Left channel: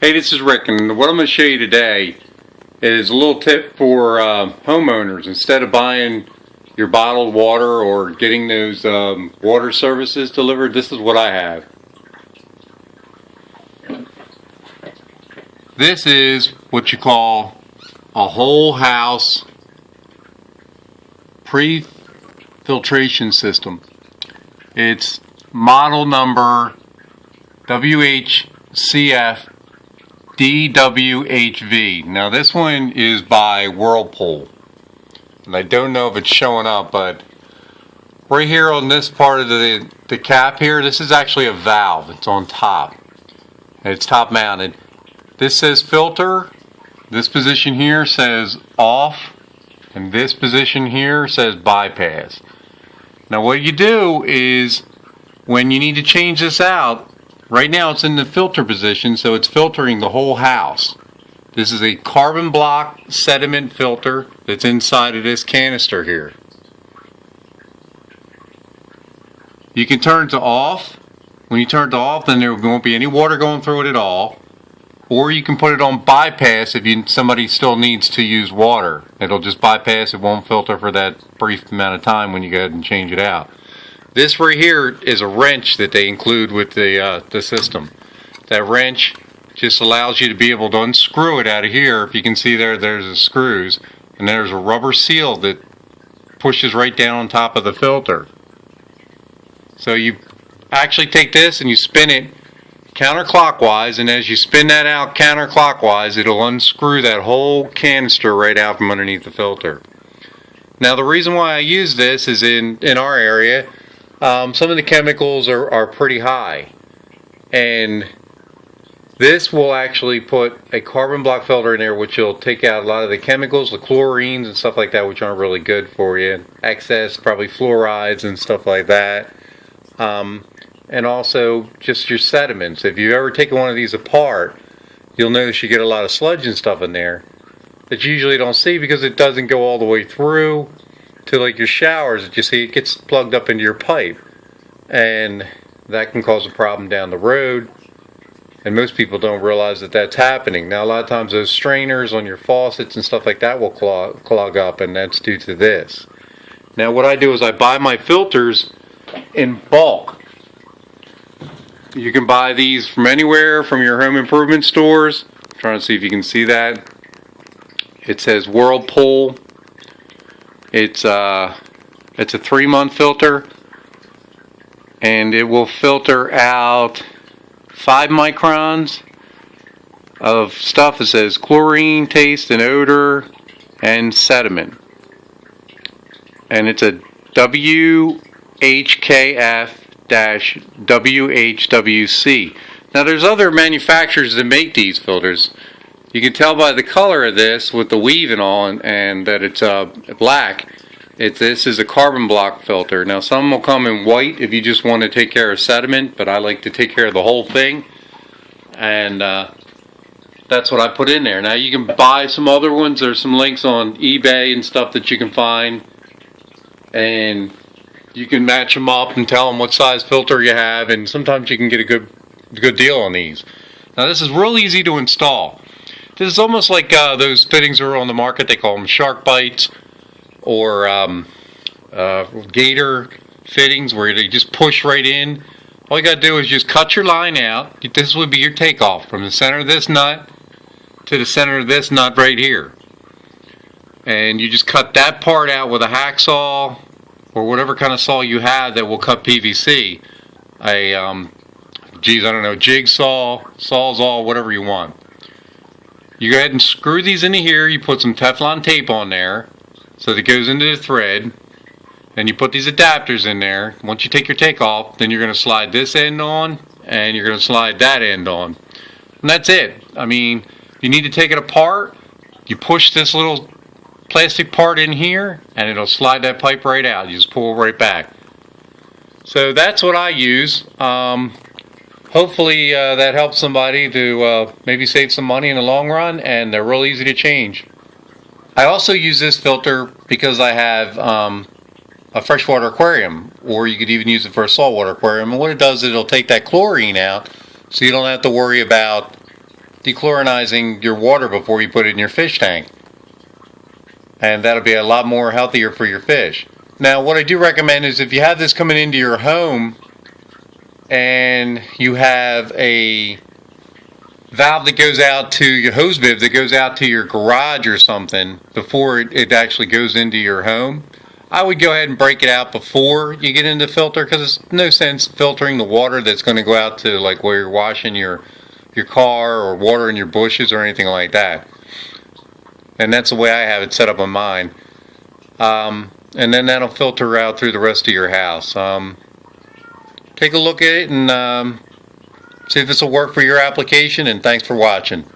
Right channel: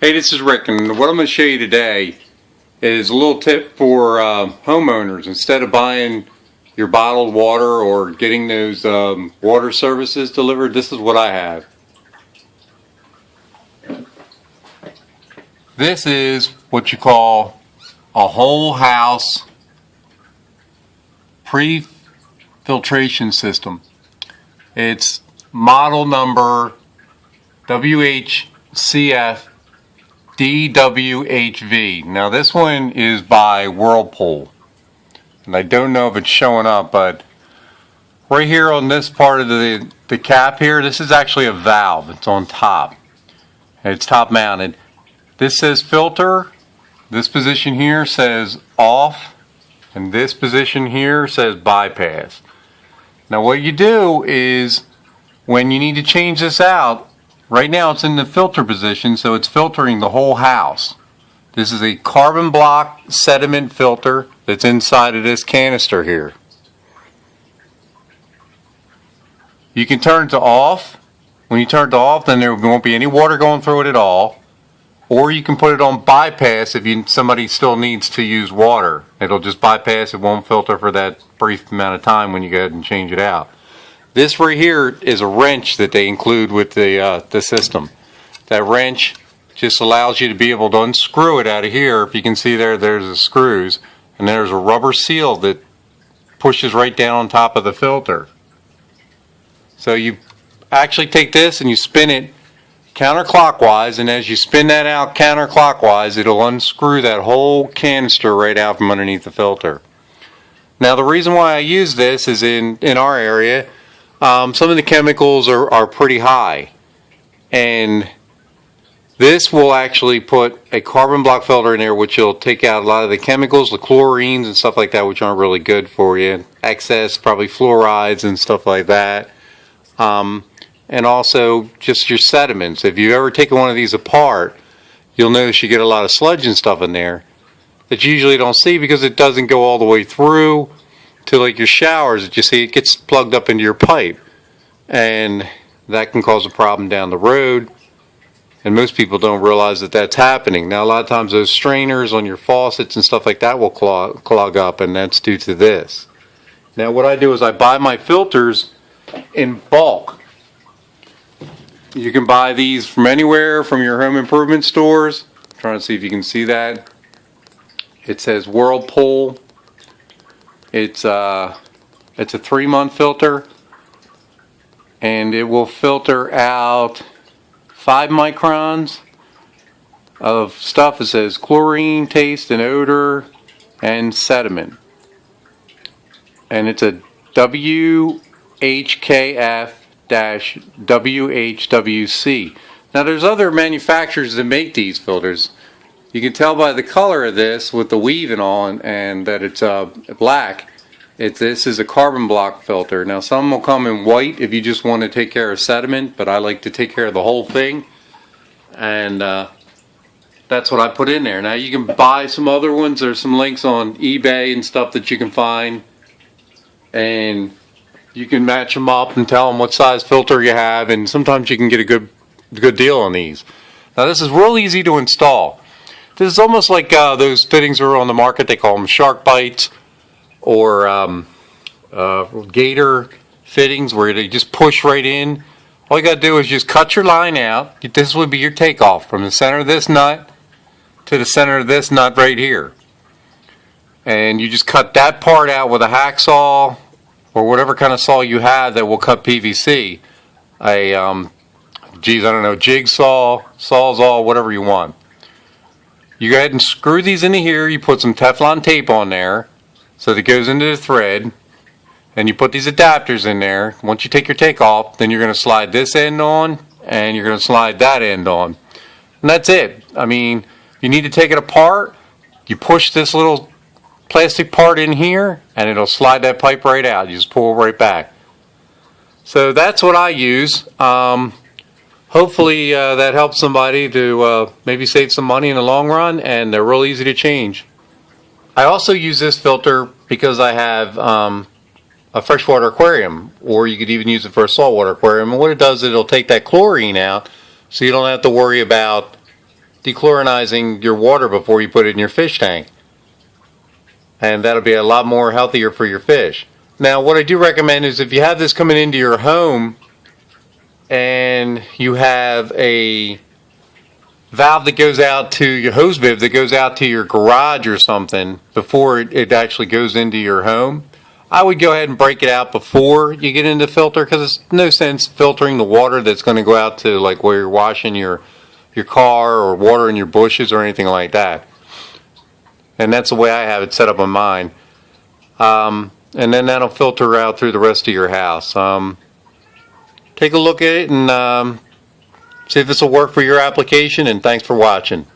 Hey, this is Rick, and what I'm going to show you today is a little tip for homeowners. Instead of buying your bottled water or getting those water services delivered, this is what I have. This is what you call a whole house pre-filtration system. It's model number WHCF-DWHV. Now this one is by Whirlpool, and I don't know if it's showing up, but right here on this part of the cap here, this is actually a valve. It's on top. It's top mounted. This says filter. This position here says off, and this position here says bypass. Now what you do is, when you need to change this out, right now it's in the filter position, so it's filtering the whole house. This is a carbon block sediment filter that's inside of this canister here. You can turn it to off. When you turn it to off, then there won't be any water going through it at all. Or you can put it on bypass if somebody still needs to use water. It'll just bypass, it won't filter for that brief amount of time when you go ahead and change it out. This right here is a wrench that they include with the system. That wrench just allows you to be able to unscrew it out of here. If you can see there's the screws, and there's a rubber seal that pushes right down on top of the filter. So you actually take this and you spin it counterclockwise, and as you spin that out counterclockwise, it'll unscrew that whole canister right out from underneath the filter. Now the reason why I use this is in our area, some of the chemicals are pretty high, and this will actually put a carbon block filter in there which will take out a lot of the chemicals, the chlorines and stuff like that, which aren't really good for you. Excess, probably fluorides and stuff like that. And also just your sediments. If you've ever taken one of these apart, you'll notice you get a lot of sludge and stuff in there that you usually don't see because it doesn't go all the way through to like your showers. That you see, it gets plugged up into your pipe, and that can cause a problem down the road, and most people don't realize that that's happening. Now a lot of times those strainers on your faucets and stuff like that will clog up, and that's due to this. Now what I do is I buy my filters in bulk. You can buy these from anywhere, from your home improvement stores. I'm trying to see if you can see that. It says Whirlpool. It's a 3-month filter, and it will filter out 5 microns of stuff that says chlorine, taste and odor, and sediment. And it's a WHKF-DWHWC. Now there's other manufacturers that make these filters. You can tell by the color of this with the weave and all, and that it's black. This is a carbon block filter. Now some will come in white if you just want to take care of sediment, but I like to take care of the whole thing, and that's what I put in there. Now you can buy some other ones. There's some links on eBay and stuff that you can find, and you can match them up and tell them what size filter you have, and sometimes you can get a good deal on these. Now this is real easy to install. This is almost like those fittings that are on the market. They call them shark bites or gator fittings, where they just push right in. All you got to do is just cut your line out. This would be your takeoff from the center of this nut to the center of this nut right here, and you just cut that part out with a hacksaw or whatever kind of saw you have that will cut PVC. I don't know, jigsaw, sawzall, whatever you want. You go ahead and screw these into here. You put some Teflon tape on there so that it goes into the thread. Then you put these adapters in there. Once you take your take off, then you're going to slide this end on, and you're going to slide that end on. And that's it. I mean, you need to take it apart. You push this little plastic part in here, and it'll slide that pipe right out. You just pull it right back. So that's what I use. Hopefully that helps somebody to maybe save some money in the long run, and they're real easy to change. I also use this filter because I have a freshwater aquarium, or you could even use it for a saltwater aquarium. And what it does is it'll take that chlorine out, so you don't have to worry about dechlorinizing your water before you put it in your fish tank. And that'll be a lot more healthier for your fish. Now, what I do recommend is if you have this coming into your home and you have a valve that goes out to your hose bib that goes out to your garage or something before it actually goes into your home, I would go ahead and break it out before you get into the filter, because there's no sense filtering the water that's going to go out to like where you're washing your car or watering your bushes or anything like that. And that's the way I have it set up on mine. And then that'll filter out through the rest of your house. Take a look at it and see if this will work for your application, and thanks for watching.